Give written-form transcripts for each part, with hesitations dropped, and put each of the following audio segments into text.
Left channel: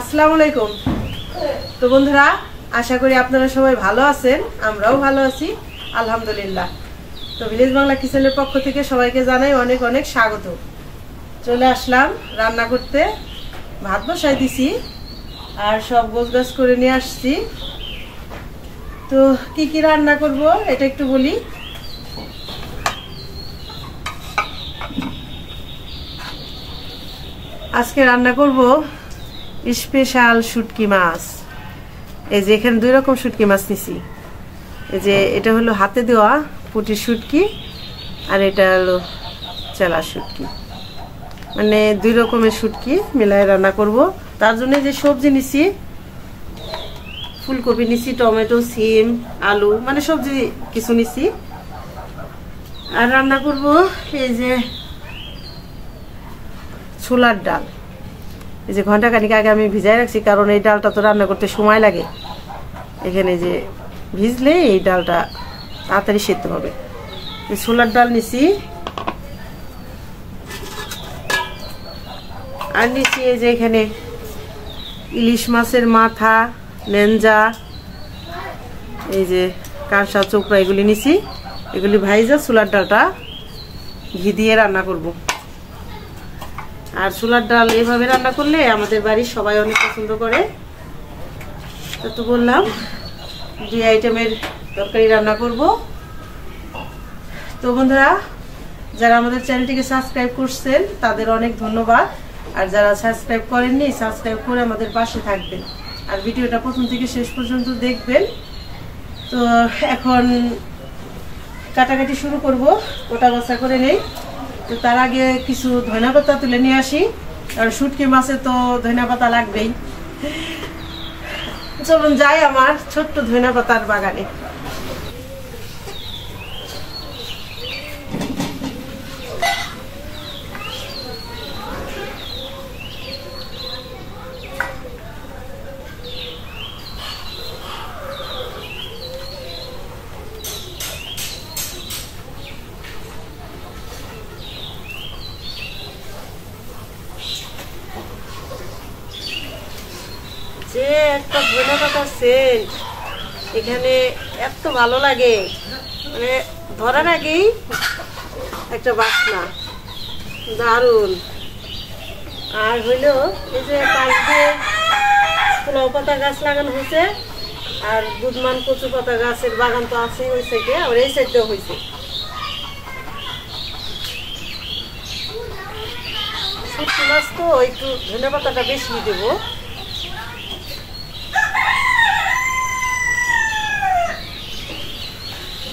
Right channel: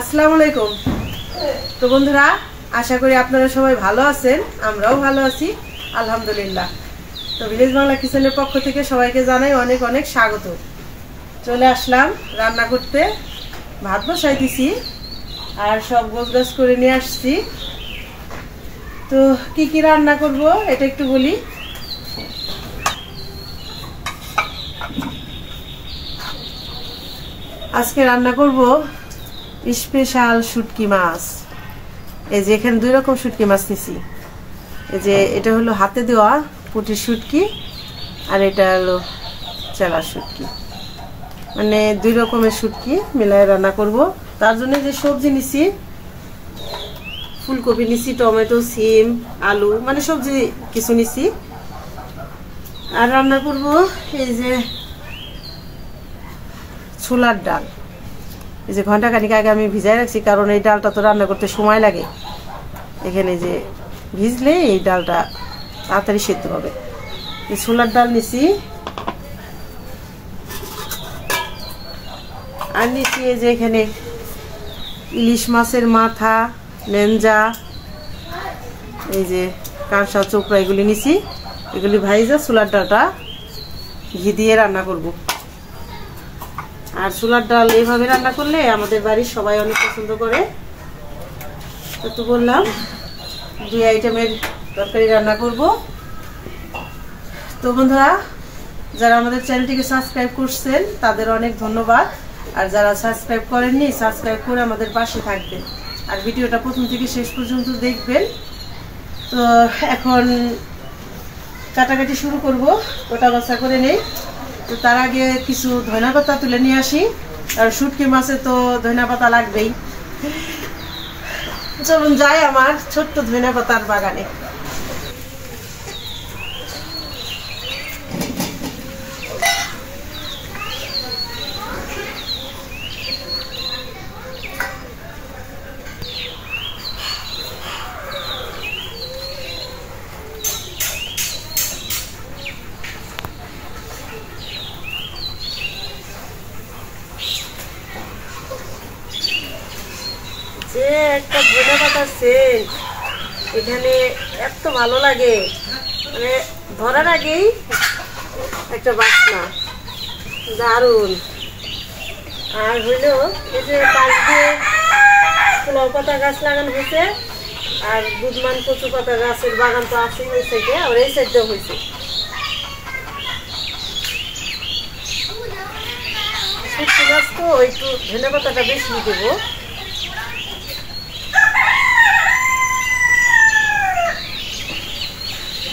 আসসালামু আলাইকুম। তো বন্ধুরা, আশা করি আপনারা সবাই ভালো আছেন, আমরাও ভালো আছি আলহামদুলিল্লাহ। তো ভিলেজ বাংলা কিচেনের পক্ষ থেকে সবাইকে জানাই অনেক অনেক স্বাগত। চলে আসলাম রান্না করতে, ভাত বসাই দিছি আর সব গোছগাছ করে নিয়ে আসছি। তো কি কি রান্না করব এটা একটু বলি। আজকে রান্না করব স্পেশাল শুটকি মাছ। এই যে এখানে দুই রকম শুটকি মাছ নিছি। এই যে এটা হলো হাতে দেওয়া পুঁটির শুটকি আর এটা হলো চেলা শুটকি, মানে দুই রকমের শুটকি মিলাই রান্না করব। তার জন্য যে সবজি নিছি, ফুলকপি নিছি, টমেটো, সিম, আলু, মানে সবজি কিছু নিছি। আর রান্না করব এই যে ছোলার ডাল। এই যে ঘন্টা খানিক আগে আমি ভিজাই রাখছি, কারণ এই ডালটা তো রান্না করতে সময় লাগে। এখানে যে ভিজলে এই ডালটা তাড়াতাড়ি সেদ্ধ হবে। ছোলার ডাল নিছি আর নিছি এই যে এখানে ইলিশ মাছের মাথা, লেঞ্জা, এই যে কাঁসা, চোপড়া, এগুলি নিছি। এগুলি ভাইজা ছোলার ডালটা ঘি দিয়ে রান্না করব। আর ছোলার ডাল এভাবে রান্না করলে আমাদের বাড়ির সবাই অনেক পছন্দ করে। তো বললাম দুই আইটেমের তরকারি রান্না করব। তো বন্ধুরা, যারা আমাদের চ্যানেলটিকে সাবস্ক্রাইব করছেন তাদের অনেক ধন্যবাদ, আর যারা সাবস্ক্রাইব করেননি সাবস্ক্রাইব করে আমাদের পাশে থাকবেন আর ভিডিওটা প্রথম থেকে শেষ পর্যন্ত দেখবেন। তো এখন কাটাকাটি শুরু করব, গোটা বসা করে নেই। তো তার আগে কিছু ধনিয়া পাতা তুলে নিয়ে আসি, আর শুটকি মাছে তো ধনিয়া পাতা লাগবেই। চলুন যাই আমার ছোট্ট ধনিয়া পাতার বাগানে। যে একটা ধনিয়া পাতার সেন্ট এখানে এত ভালো লাগে, মানে ধরার আগেই একটা বাসনা দারুণ। আর হইলো এই যে পাশ দিয়ে লাউ পাতা গাছ লাগানো হয়েছে, আর বুধমান কচু পাতা গাছের বাগান তো আছেই ওই সাইডে, আর এই সাইডেও হয়েছে। শুটকি মাছ তো একটু ধনিয়া পাতাটা বেশি দেবো।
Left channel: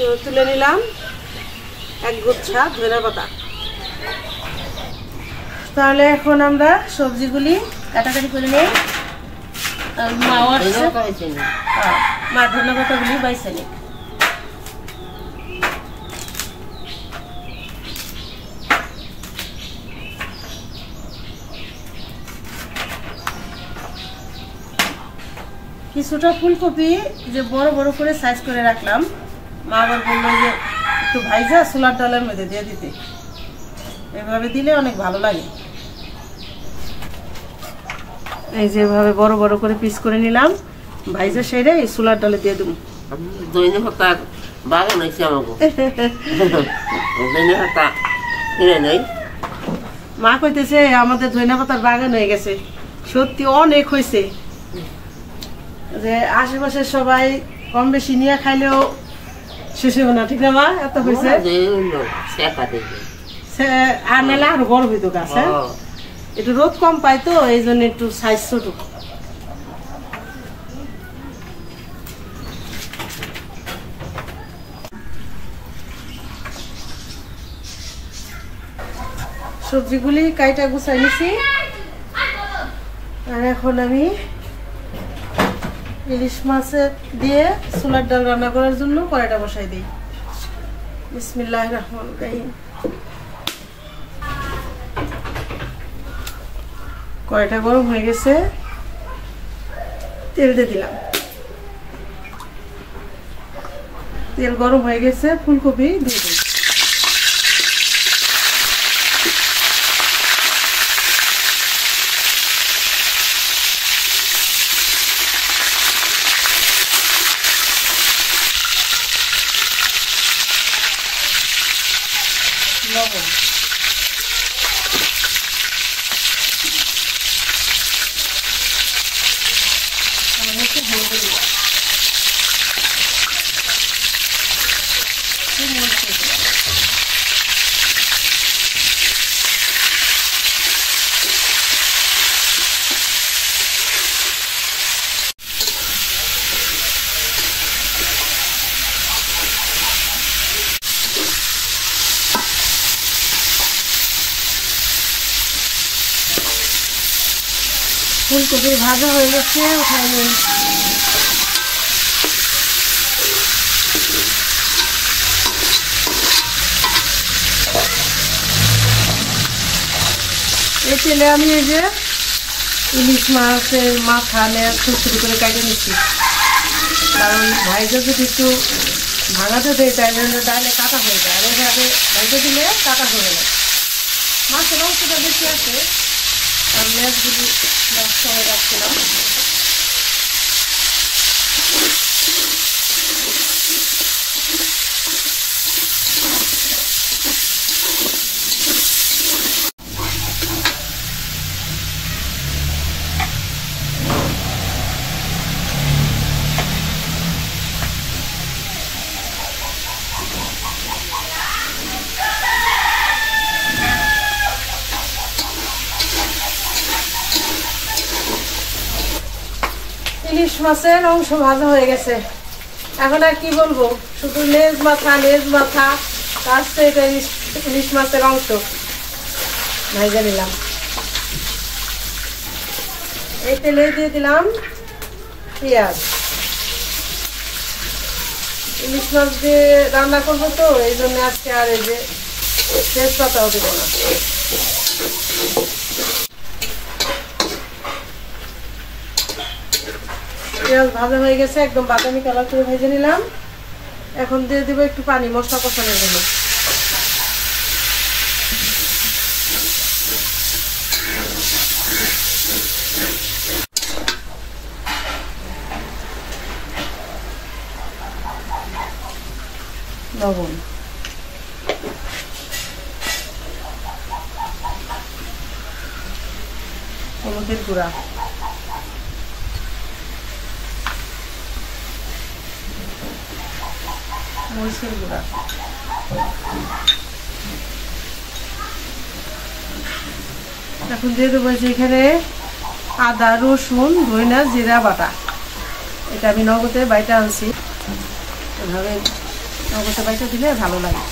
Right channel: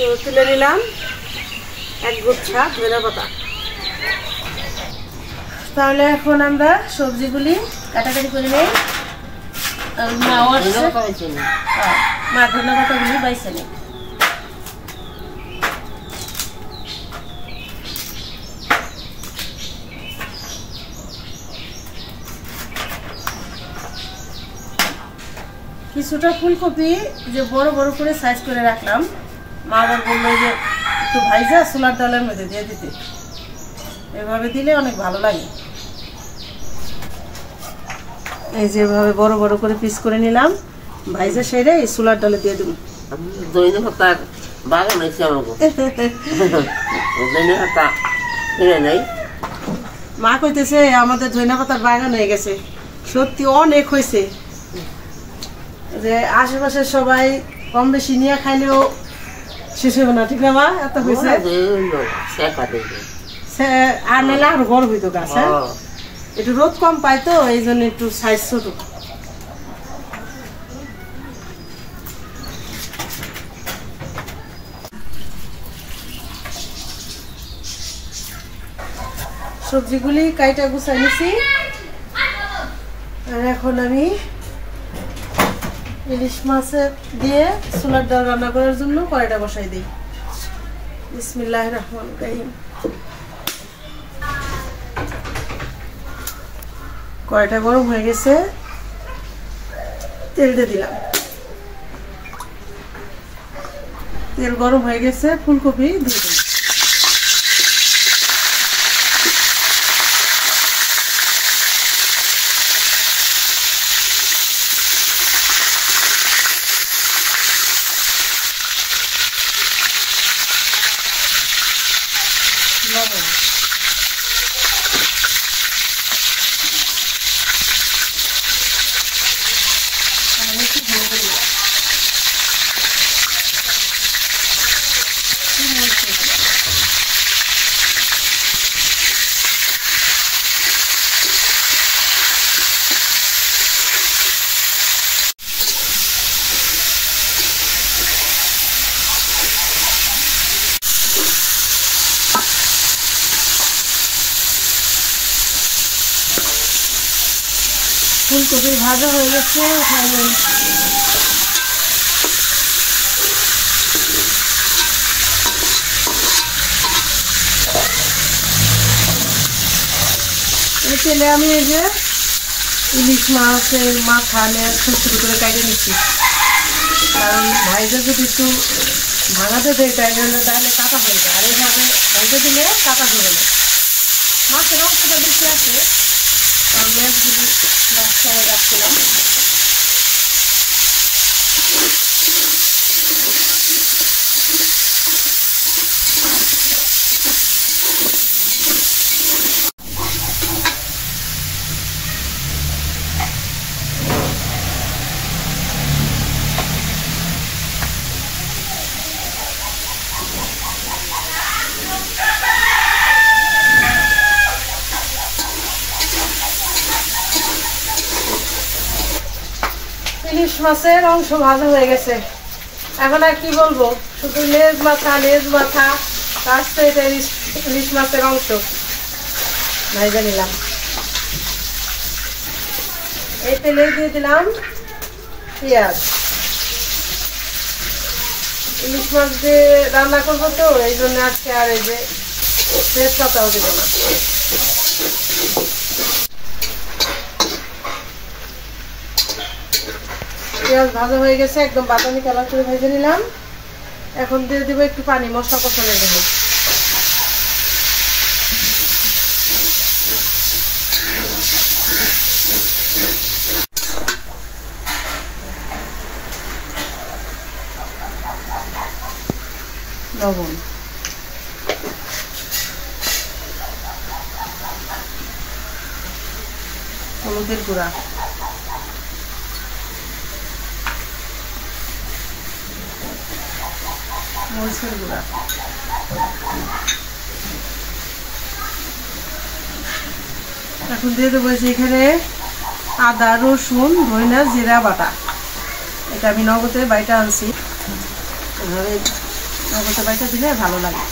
তো তুলে নিলাম এক গুচ্ছা ধনিয়া পাতা। তাহলে এখন আমরা সবজিগুলি কাটাকাটি করে নেই। মাও আসছে, মা ধনিয়া পাতাগুলি বাইছে নেই। কিছুটা ফুলকপি যে বড় বড় করে সাইজ করে রাখলাম, মা আবার বললো যে একটু ভাইজা ছোলার ডালের মধ্যে দিয়ে দিতে। এভাবে দিলে অনেক ভালো লাগে। এই যে এভাবে বড় বড় করে পিস করে নিলাম, ভাইজা সেরে এই ছোলার ডালে দিয়ে দেবো। মা কইতেছে আমাদের ধনিয়া পাতার বাগান হয়ে গেছে। সত্যি অনেক হয়েছে, যে আশেপাশের সবাই কম বেশি নিয়ে খাইলেও শেষ হবে না, ঠিক না মা? এত হয়েছে আর মেলা আর বড় হইতো গাছ। হ্যাঁ, একটু রোদ কম পায় তো এই জন্য একটু সাইজ ছোট। সবজিগুলি কাইটা গুছাই নিছি, আর এখন আমি ইলিশ মাছের দিয়ে ছোলার ডাল রান্না করার জন্য কড়াইটা বসাই দিই। বিসমিল্লাহির রহমানির রহিম। কড়াইটা গরম হয়ে গেছে, তেল দিয়ে দিলাম। তেল গরম হয়ে গেছে, ফুলকপি দিয়ে দিই। ফুলকপি ভাজা হয়ে গেছে, উঠাই নেই। এই তেলে আমি এই যে ইলিশ মাছের মাথা নিয়ে ছোট ছোট করে কাটিয়ে নিচ্ছি, কারণ ভাইজা যদি একটু ভাঙাতে দেয় তাইলে ডালে কাটা হয়ে যায়, আর এইভাবে ভাইজা দিলে কাটা হবে না। মাছের অংশটা বেশি আছে, আর মাছগুলি নষ্ট হয়ে যাচ্ছিলাম। ইলিশ মাছের অংশ ভাজা হয়ে গেছে, এখন আর কি বলবো, শুধু লেজ মাথা তার সাথে ইলিশ মাছের অংশ ভাজা নিলাম। এই তেলে দিয়ে দিলাম পেঁয়াজ। ইলিশ মাছ দিয়ে রান্না করবো তো এই জন্য আজকে আর এই যে তেজপাতাও দেব না। পেঁয়াজ ভাজা হয়ে গেছে, একদম বাদামি কালার করে ভেজে নিলাম। এখন দিয়ে দেবো একটু পানি মশলা কষানোর জন্য। লবণ, হলুদের গুঁড়া, মরিচের গুঁড়া, এখন দিয়ে দেবো এখানে আদা রসুন ধনিয়া জিরা বাটা। এটা আমি নগদে বাইটা আনছি, এভাবে নগদে বাইটা দিলে ভালো লাগে।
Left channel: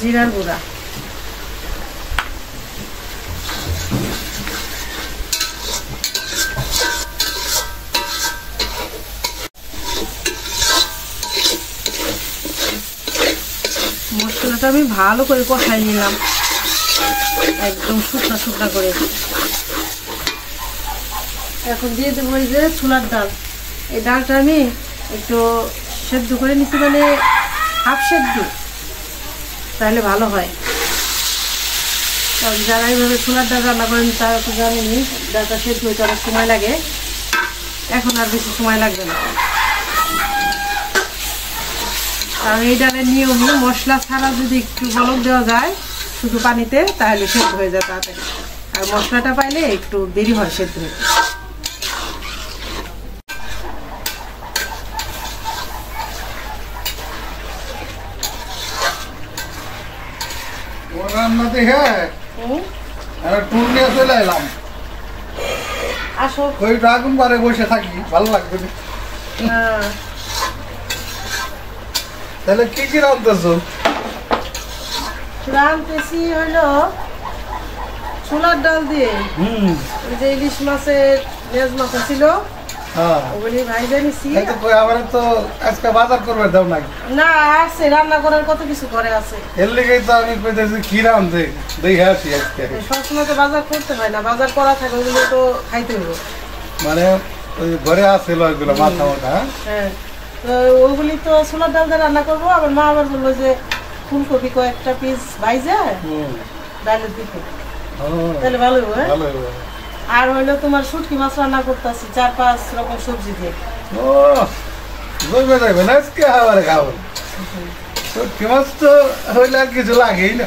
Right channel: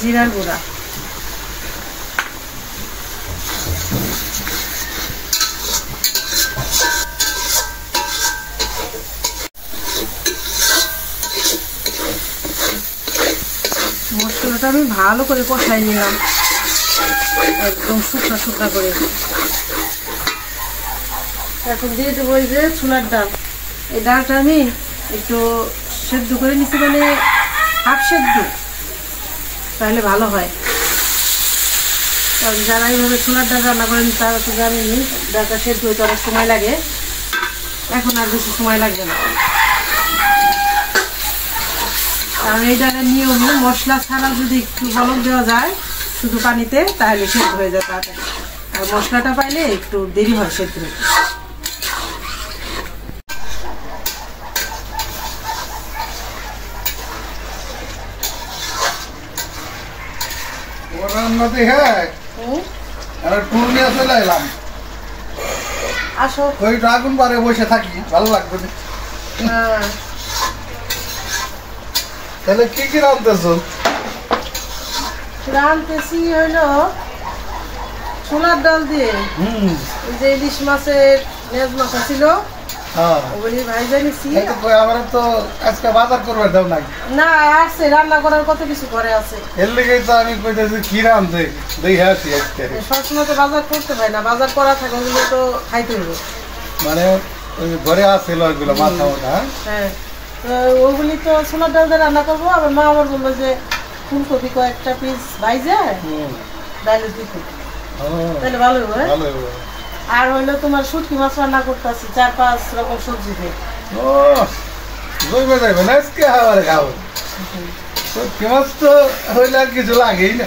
জিরার গুঁড়া, মশলাটা আমি ভালো করে কষাই নিলাম, একদম শুকনা করে। এখন দিয়ে দেবো এই যে ছোলার ডাল। এই ডালটা আমি একটু সেদ্ধ করে নিচ্ছি, মানে হাফ সেদ্ধ, তাহলে ভালো হয়। কারণ যারা এইভাবে ছোলার ডাল রান্না করেন তারা তো জানেনি ডালটা সেদ্ধ হইতে অনেক সময় লাগে, এখন আর বেশি সময় লাগবে না। কারণ এই ডালের নিয়মই মশলা ছাড়া যদি একটু বলক দেওয়া যায় শুধু পানিতে, তাহলে সেদ্ধ হয়ে যায় তাড়াতাড়ি, আর মশলাটা পাইলে একটু দেরি হয় সেদ্ধ হতে। আসো, ওই ড্রাগন বারে বসে থাকি, ভালো লাগবে। তাহলে কি কি রাঁধতেছো? রাঁধতেছি হইলো ছোলার ডাল দিয়ে। ওই যে ইলিশ মাছের লেজ মাথা ছিল ওগুলি ভাইজা নিছি। আমার তো আজকে বাজার করবে দাও নাকি? না, আছে রান্না করার কত কিছু ঘরে আছে, এর লেগেই তো আমি কইতেছি কি রাঁধতে দেখে আসি। আজকে সবসময় তো বাজার করতে হয় না, বাজার করা থাকে ওগুলো তো খাইতে হবে। মানে ওই ঘরে আছে ওইগুলো মাথা মোটা। হ্যাঁ, ওগুলি তো ছোলার ডাল দিয়ে রান্না করবো। আমার মা আবার বললো যে ফুলকপি কয়েকটা পিস ভাইজা ডালে দিতে, তাহলে ভালো হবে। আর হইলো তোমার শুটকি মাছ রান্না করতেছি 4-5 রকম সবজি দিয়ে। ও জমে যাবে না আজকে খাবারে খাবো। শুটকি মাছ তো হইলে আর কিছু লাগেই না।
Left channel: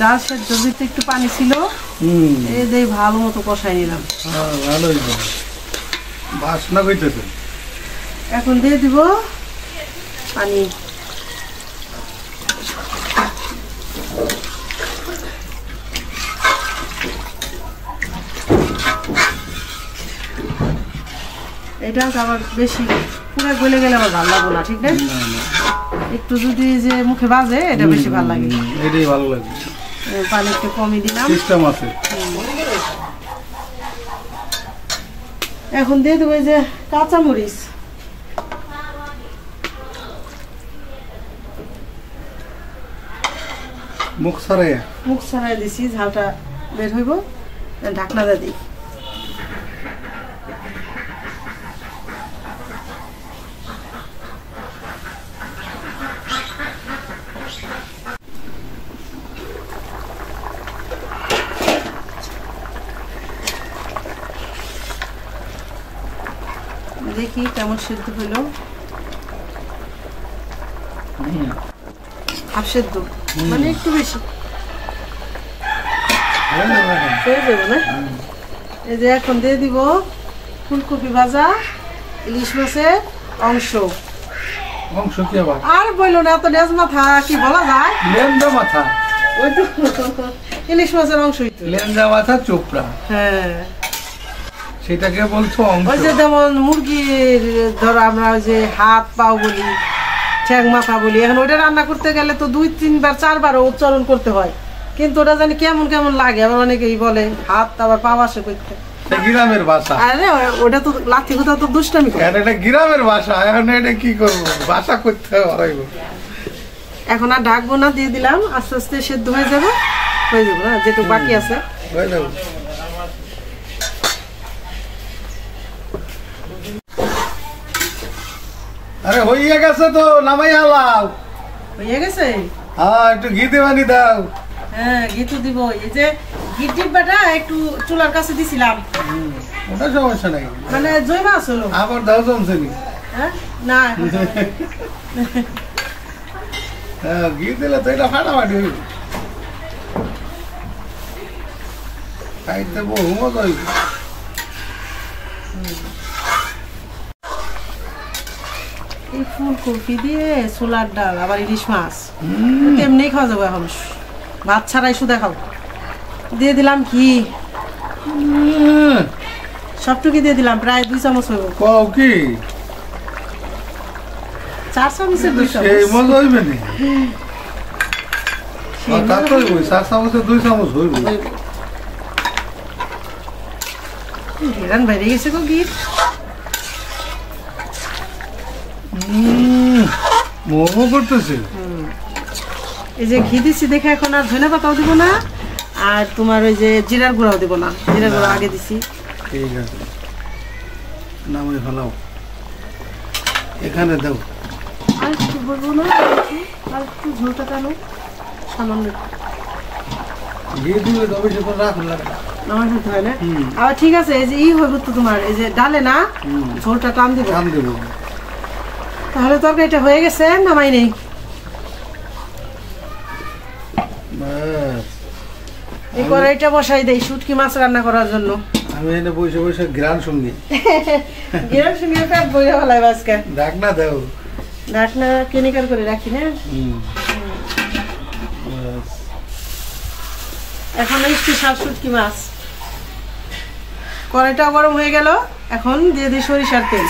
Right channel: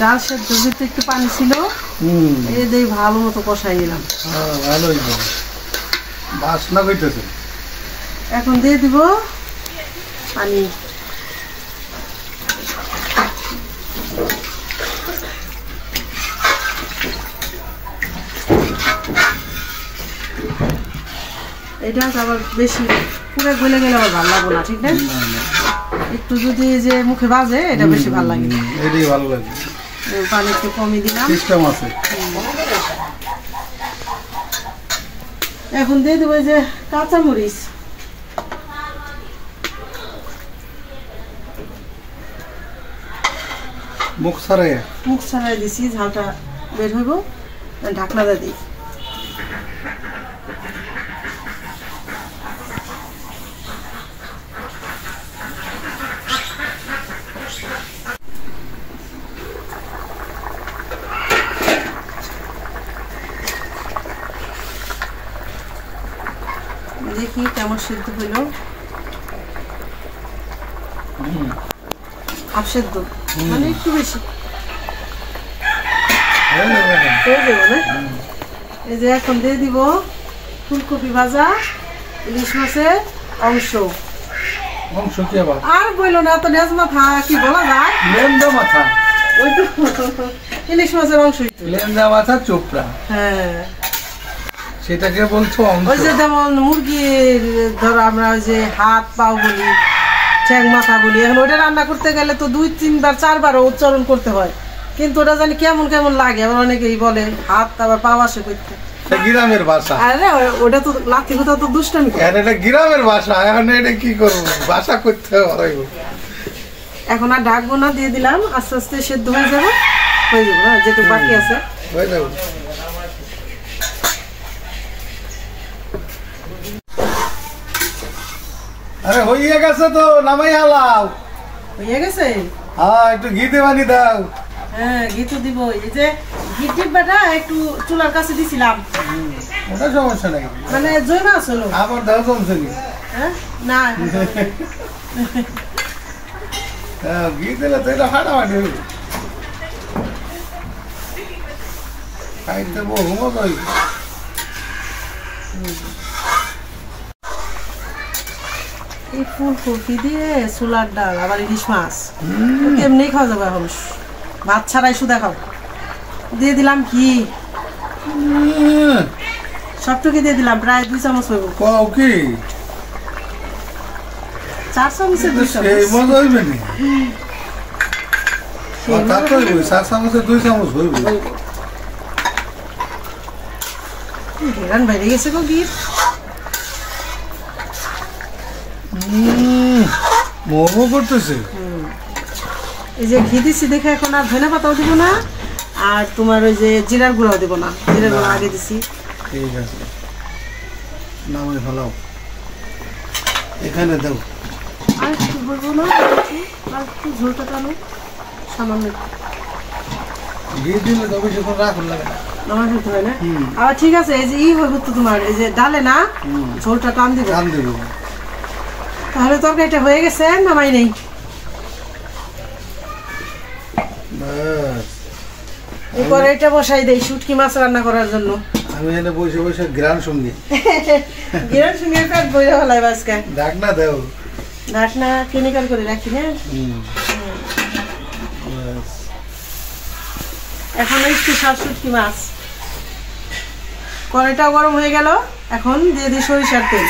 ডাল সেদ্ধ দিতে একটু পানি ছিল, এই ভালো মতো কষাই নিলাম। ভালোই বাসনা হইতেছে। এখন দিয়ে দিব পানি। এটা আবার বেশি পুরো গলে গেলে আবার ভালো লাগবে না, ঠিক না? একটু যদি যে মুখে বাজে এটা বেশি ভালো লাগে, এটাই ভালো লাগে। পানি একটু কমই দিলাম, সিস্টেম আছে। এখন দিয়ে দেবো যে কাঁচামরিচ। মুখ ছাড়াই দিছি, ঝালটা বের হইব, ঢাকনা দিয়ে দিই। দেখি কেমন সিদ্ধ হইল। হাফ সিদ্ধ মানে একটু বেশি হয়ে যাবো না? এই যে এখন দিয়ে দিব ফুলকপি ভাজা ইলিশ মাছের অংশ। কি আবার আর বললো না, এত লেজ মাথা কি বলা যায়? লেন্দা মাথা, ওই তো ইলিশ মাছের অংশই তো, লেন্দা মাথা চোপড়া। হ্যাঁ, সেটাকে বলছো অংশ। ওই যে যেমন মুরগির ধরো আমরা ওই যে হাত পাও বলি, ঠ্যাং মাথা বলি, এখন ওইটা রান্না করতে গেলে তো 2-3 বার 4 বার উচ্চারণ করতে হয়, কিন্তু ওটা জানি কেমন কেমন লাগে। আবার অনেকেই বলে হাত আবার পাও আসে করতে, গ্রামের ভাষা। আরে ওটা তো লাঠি কোথাও তো দুষ্টামি করে। এটা গ্রামের ভাষা, এখন এটা কি করবো, ভাষা করতে হবে। এখন আর ঢাকবো না, দিয়ে দিলাম, আস্তে আস্তে সেদ্ধ হয়ে যাবে, না যেটুকু বাকি আছে হয়ে যাবে। আরে হইয়া গেছে তো, নামাই হালাও। হয়ে গেছে? হ্যাঁ, একটু ঘি দেবানি দাও। হ্যাঁ, ঘি তো দিব। এই যে ঘি ডিব্বাটা একটু চুলার কাছে দিছিলাম, ওটা সমস্যা নাই, মানে জয় মাছ হলো। আবার দাও জমছে নি? না, ঘি দিলে তো এটা ফাটাফাটি হইব, খাইতে বহু মজা হইব। এই ফুলকপি দিয়ে ছোলার ডাল আবার ইলিশ মাছ এমনি খাওয়া যাবে, এখন ভাত ছাড়াই শুধু খাও। দিয়ে দিলাম ঘি, সবটুকু দিয়ে দিলাম, প্রায় 2 চামচ হইব। কও কি 4 চামচে 2 চামচ এই মজা হইবে নি? তা তো হইব, 4 চামচে 2 চামচ হইব। হেরান বাইরে গেছে গো ঘি। মোমো করতেছে। এই যে ঘি দিচ্ছি দেখে এখন আর ধনে পাতাও দিব না, আর তোমার ওই যে জিরার গুঁড়াও দিব না, জিরার গুঁড়া আগে দিছি। ঠিক আছে, নামে ভালো, এখানে দাও। আর একটু বলবো না, আর একটু ঝোলটা টানো সামান্য, ঘি দিলে তবে সেখানে রাখুন লাগে আমার খেতে হয় না। আবার ঠিক আছে, এই যে হইব তো তোমার এই যে ডালে না ঝোলটা টান দিব, তাহলে তরকারিটা হয়ে গেছে, নামাই নেই। এই কড়াইটা বসাই দেই শুটকি মাছ রান্না করার জন্য। আমি এনে বসে বসে গ্রান শুনি, গ্রান শুনি পেট বইরা ফেলাই আজকে। ঢাকনা দাও, ঢাকনা কেমিক্যাল করে রাখি না। এখন এই স্পেশাল শুটকি মাছ, কড়াইটা গরম হয়ে গেল, এখন দিয়ে দিই সরিষার তেল।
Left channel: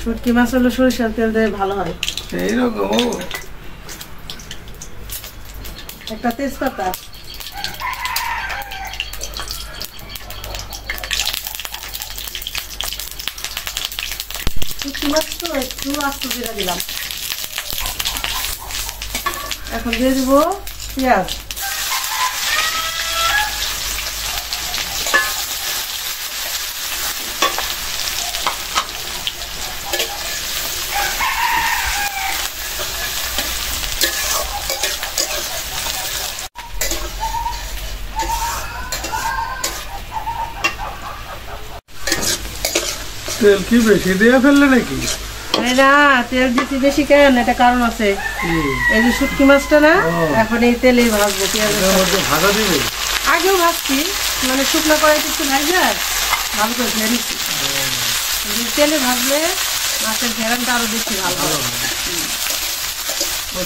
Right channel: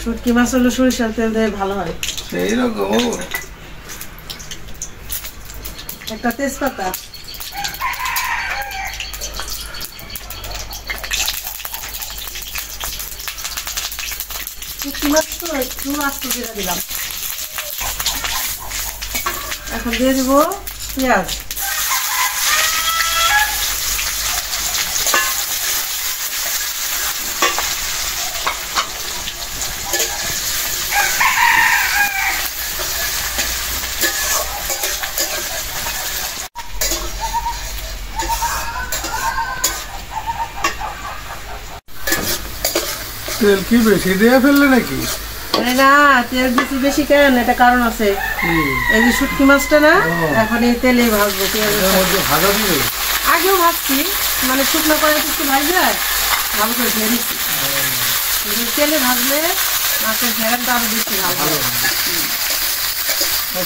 শুটকি মাছ হলো সরিষার তেল দিয়ে ভালো হয়। সেইরকম একটা তেজপাতা, শুটকি মাছ তো একটু আস্তে করে দিলাম। এখন দিয়ে দিব পেঁয়াজ, তেল কি বেশি দিয়ে ফেললে নাকি? আরে না, তেল দিতে বেশি কেন, এটা কারণ আছে। এই যে শুটকি মাছটা না, এখন এই তেলে ভাজবো, পেঁয়াজের ভাজা দিব। আগেও ভাজছি, মানে শুকনো কড়াইতে একটু ভাজা ভালো করে ধুয়ে নিচ্ছি। তেলে ভাজলে মাছের ঘেরানটা আরো বেশি ভালো হবে।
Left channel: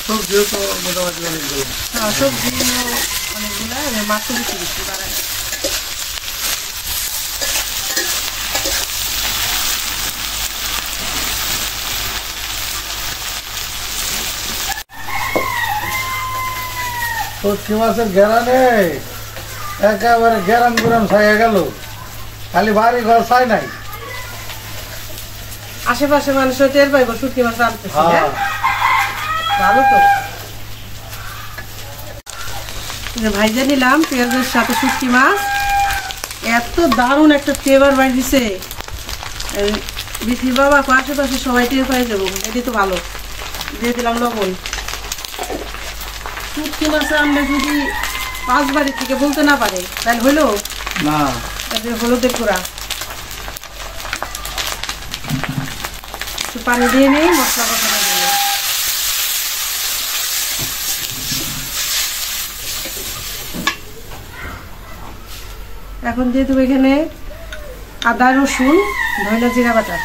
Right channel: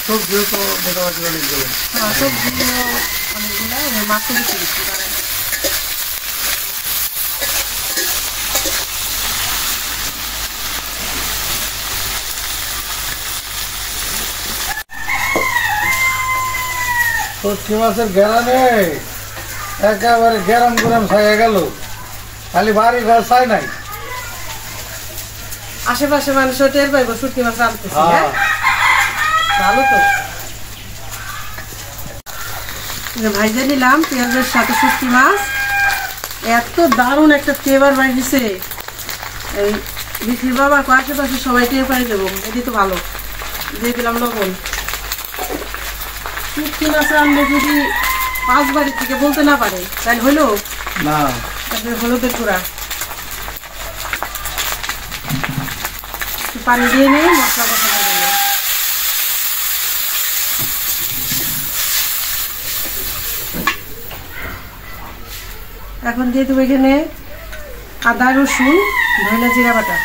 সবজিও তো মোটামুটি সবজিও অনেকগুলো, মাছও বেশি দিচ্ছি। শুটকি মাছের ঘেরানে একেবারে গেরাম গুরাম ছাইয়া গেল, খালি বাড়ি ঘর ছাই নাই। আশেপাশে মানুষ টের পাইবো শুটকি মাছ আনতেছি। হ্যাঁ ভালো তো। ভাইজা নিলাম পেঁয়াজের সাথে শুটকি মাছ, এত দারুণ একটা ফ্লেভার বাইরেছে। বিষ্ণু বাবা আশেপাশে সবাই টের পাই যাবো, এটি তো ভালো। দিয়ে দিলাম লবণ। শুটকি মাছ আনলে যদি 5 বাড়ির থেকে বলতে না পারে তাহলে হলো না। তারপরে হলুদের গুঁড়া, একটু পানি দিয়ে নিয়ে মশলা কষানো দিল। এখন দিয়ে দেবো এখানে আদা রসুন ধনে জিরা বাটা,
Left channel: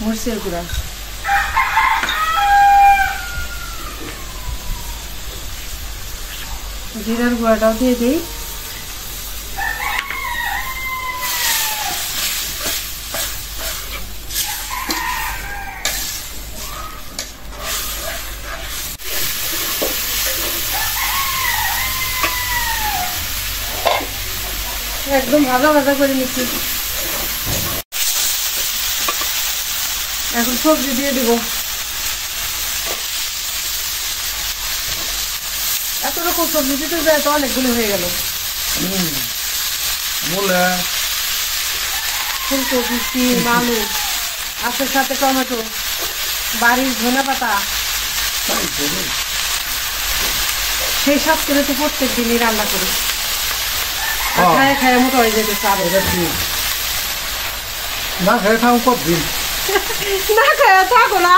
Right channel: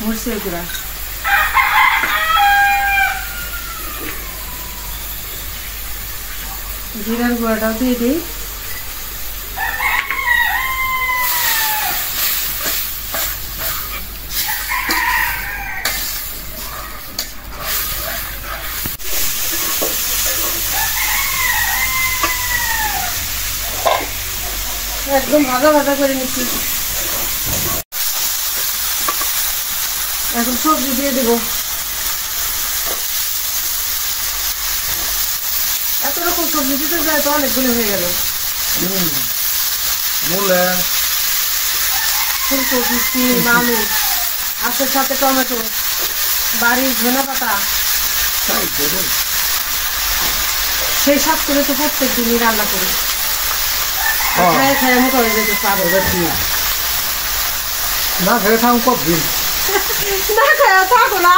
মরিচের গুঁড়া, জিরার গুঁড়াটাও দিয়ে দিই। একদম ভাজা ভাজা করে নিচ্ছি। এখন সবজি দিয়ে দেবো। এত রকম সবজি দিতে যায় তো অনেকগুলো হয়ে গেল। মূলা, ফুলকপি, সিম, আলু, আখের সাথে টমেটো, বাড়ির ধনে পাতা, সেই সব করে তো প্রত্যেক দিনই রান্না করি। খায় খায় মোটা হয়ে যেতে পারো। না খেয়ে থাকো কতদিন? না খায় থাকো না,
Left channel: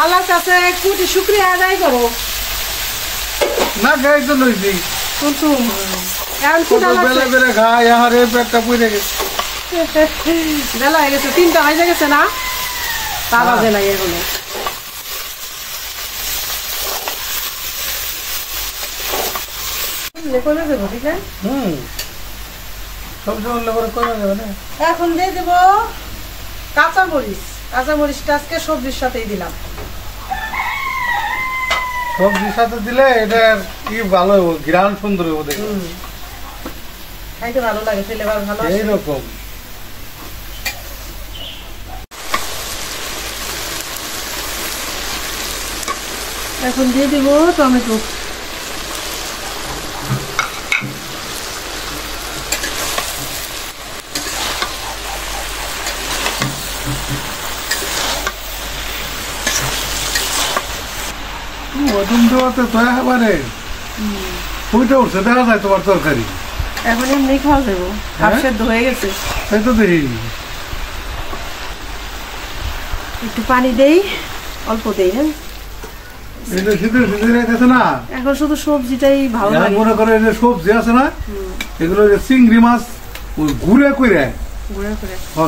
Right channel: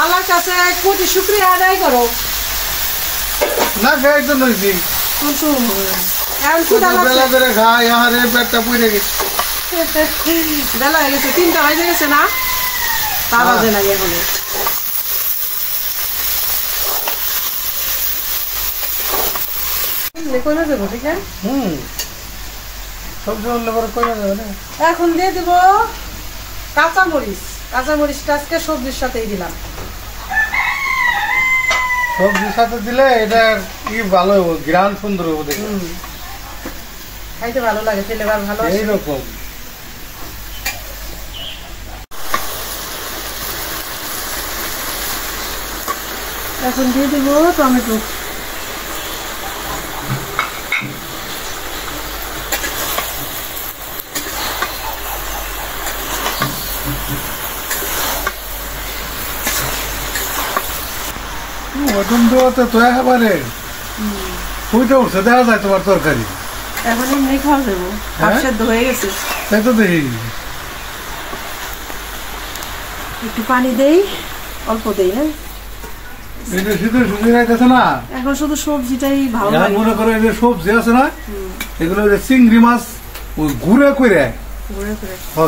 আল্লাহর কাছে কোটি শুকরিয়া আদায় করো। না খেয়ে তো নইছি কুলসুম এখন ক্ষুধা লাগছে। বেলা পুড়ে গেছে, বেলা হয়ে গেছে, 3টা বাজে গেছে না, তা বাজে নাই এখনো। সবজি বললে পরে কমে যাবে না। এখন দিয়ে দেবো কাঁচামরিচ। কাঁচামরিচটা আজকে সবজির সাথেই দিলাম। সবজির সাথে দিলে এটা কি ভালো হবো, ঘ্রাণ সুন্দর হবো দেখে, খাইতে ভালো লাগে, ফ্লেভার ভালো এইরকম। এখন দিয়ে দেবো টমেটো। ওজন দেওয়াতে তো একেবারে ফুটে উঠছে, দেখা যায় তোমার তরকারি। এখন এমনি খাওয়া দেবো, হাফ সেদ্ধ হয়ে গেছে। তাই তো দেখি একটু পানি দেই, অল্প দেই। হ্যাঁ এটা শীতের সবজি রাখতেছে না, এখন শুধু সবজিটাই ভালো লাগে। মনে করে যে সবজি আছে না, এগুলো যে চিংড়ি মাছ ঘুরে করে,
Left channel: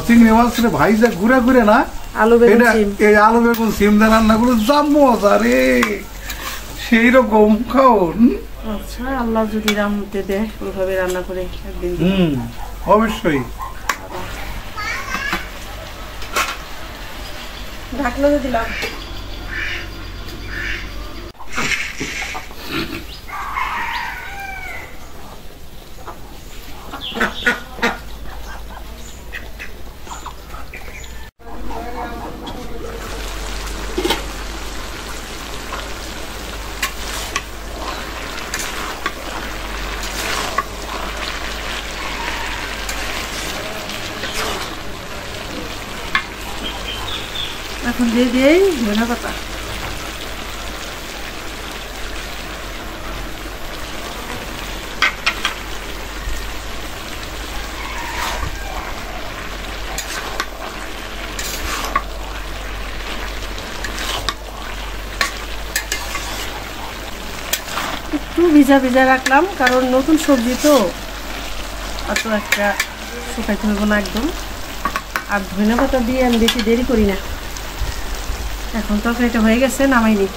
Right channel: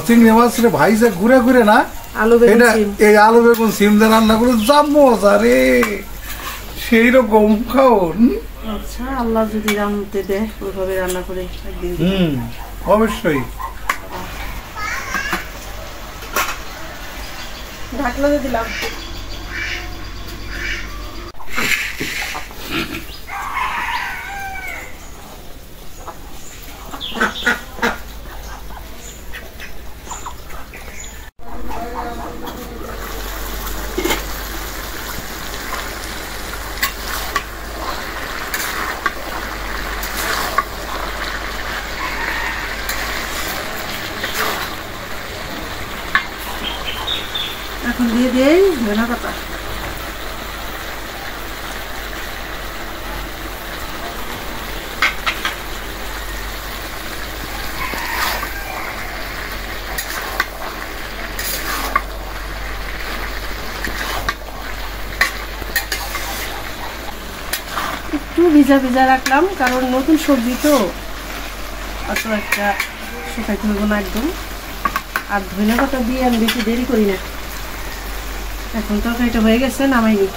চিংড়ি মাছ ভাইজা ঘুরে ঘুরে না, আলু বেগুন সিম, এই আলু বেগুন সিম দিয়ে রান্না করে যা মজা রে, সেই রকম খাওন। আচ্ছা, আল্লাহ যদি রান্নাতে দেয় ওইভাবে রান্না করে একদিন। অবশ্যই। ঢাকনা দিয়ে দিলাম। এখন দিয়ে দেই ধনে পাতা। একটু ভিজা ভিজা রাখলাম, কারণ নতুন সবজি তো অত একটা শুকাইতে হইব না একদম। আর ধনে পাতা দিয়ে আমি বেশি দেরি করি না। এখন তরকারিটা হয়ে গেছে, নামাইনি।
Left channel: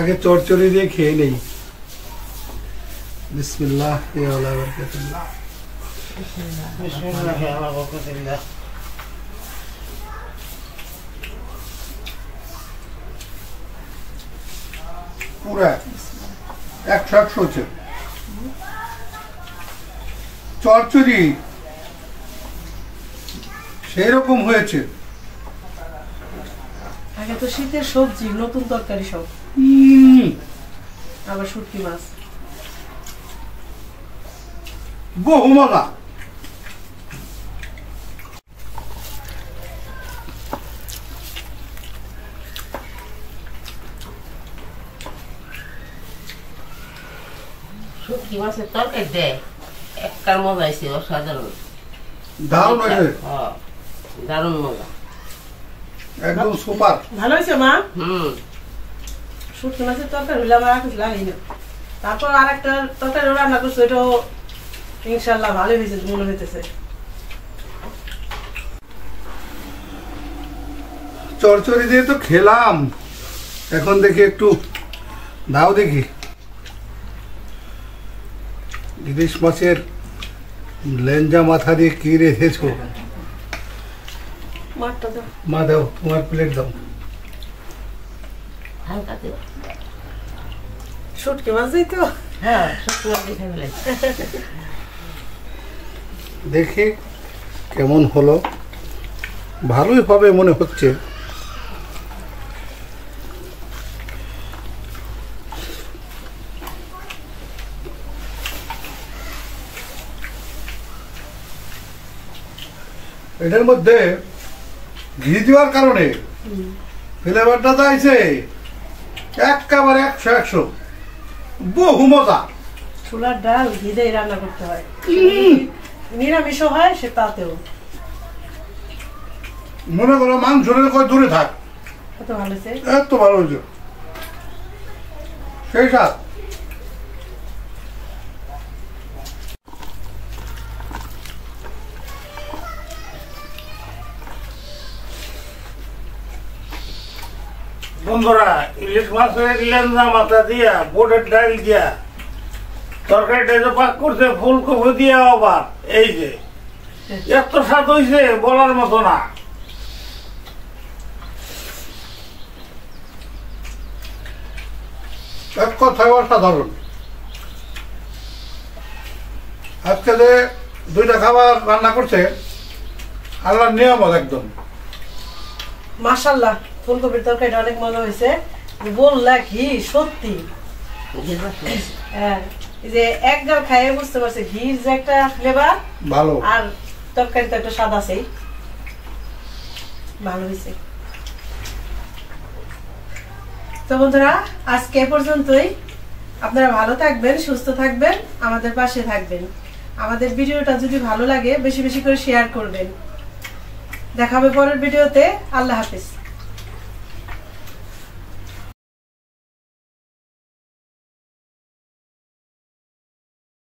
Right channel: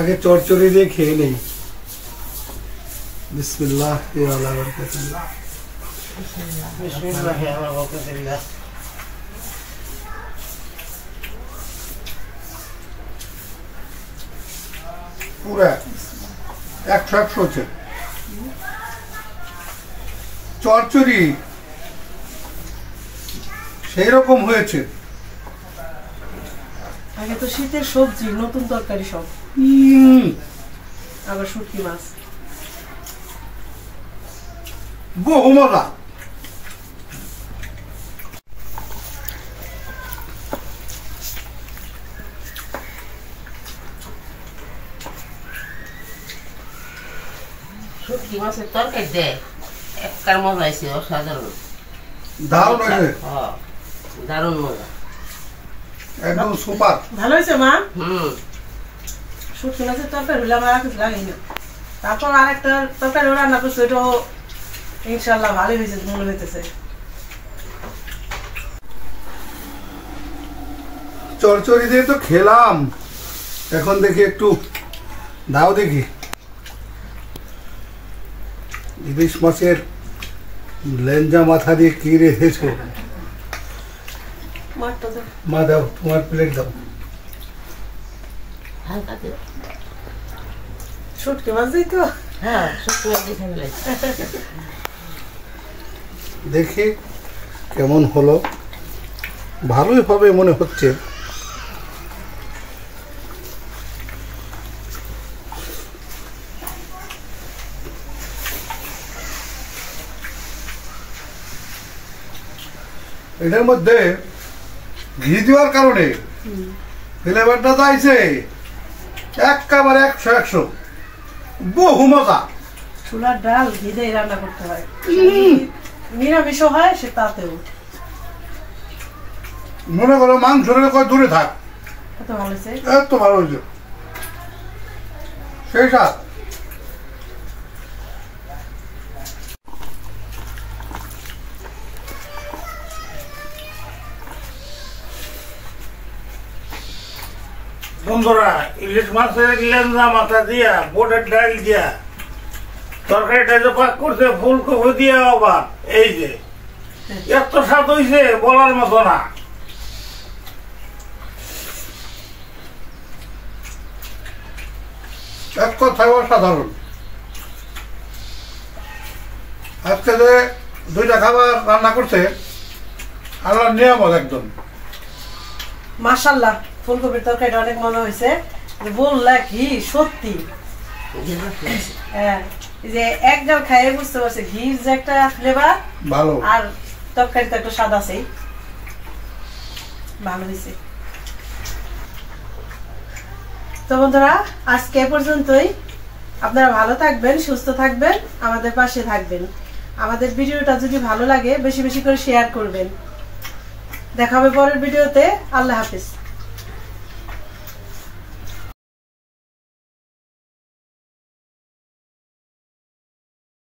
আগে চচ্চড়ি দিয়ে খেয়ে নেই। বিসমিল্লাহ ওয়া বারাকাতুল্লাহ। পুরা 100 হচ্ছে চচ্চড়ি, সেই রকম হয়েছে। আগে তো শীতের সবজি, নতুন তরকারি সব, আবার শুটকি মাছ, বহু মজা। শুটকি মাছের তরকারি দেয় একবার মজা আছে, অসাধারণ, দারুণ হয়েছে, দারুণ মজা, একদম সুপার। ভালো হয়েছে মা। শুটকি মাছের তরকারি হলে আমার আর কিছু লাগেই না। তারপর আর একটা তরকারি রান্না করছে, ওইটাও ইনশাল্লাহ ভালো হয়েছে মনে হইতেছে। চচ্চড়ি দিয়ে তো খেলাম, এখন দেখি একটু দাও দেখি। ইলিশ মাছের লেঞ্জা মাথা দিয়ে কি রেখেছো? মা দাও, তোমার প্লেট দাও। হালকা দিও। শুটকি মাছ দিই তো। হ্যাঁ, শুটকি মাছ দিয়ে খেয়ে ফেলেছি। দেখি কেমন হলো, ভালোই হবে মনে হচ্ছে। এটার মধ্যে ঘি দেওয়ার কারণে ফ্লেভারটা যাইছে একেবারে 100 বহু মজা। ছোলার ডাল ঘি দিয়ে রান্না করতে হয়, নিরামিষ হয় সে তাতেও। মনে করো মাংস কয় দূরে থাক, এত ভালো হয়েছে, এত ভালো হয়েছে, সেই স্বাদ। বন্ধুরা, ইলিশ মাছের লেঞ্জা মাথা দিয়া, বোটের ডাল দিয়া তরকারিটা যে পাক করছে ফুলকপি দিয়া, আবার এই যে এত স্বাদ হয়েছে বলার মতো না। এক কথায় অসাধারণ। আজকে যে 2টা খাবার রান্না করছে আল্লাহর নিয়ামত একদম। মাশাআল্লাহ, ফুলকপির তরকারিটা অনেক মজা হয়েছে। বললা কি সত্যি, হ্যাঁ, এই যে এক গাল খাইয়ে বুঝতে পারছে ঘির যে একটা ফ্লেভার ভালো, আর তরকারিতে একটা স্বাদ আছে, ভালো হয়েছে। তো বন্ধুরা, আজকে এ পর্যন্তই। আপনারা ভালো থাকবেন, সুস্থ থাকবেন, আমাদের পাশে থাকবেন। আমাদের ভিডিওটা যদি ভালো লাগে বেশি বেশি করে শেয়ার করবেন। দেখা হবে পরের ভিডিওতে। আল্লাহ হাফেজ।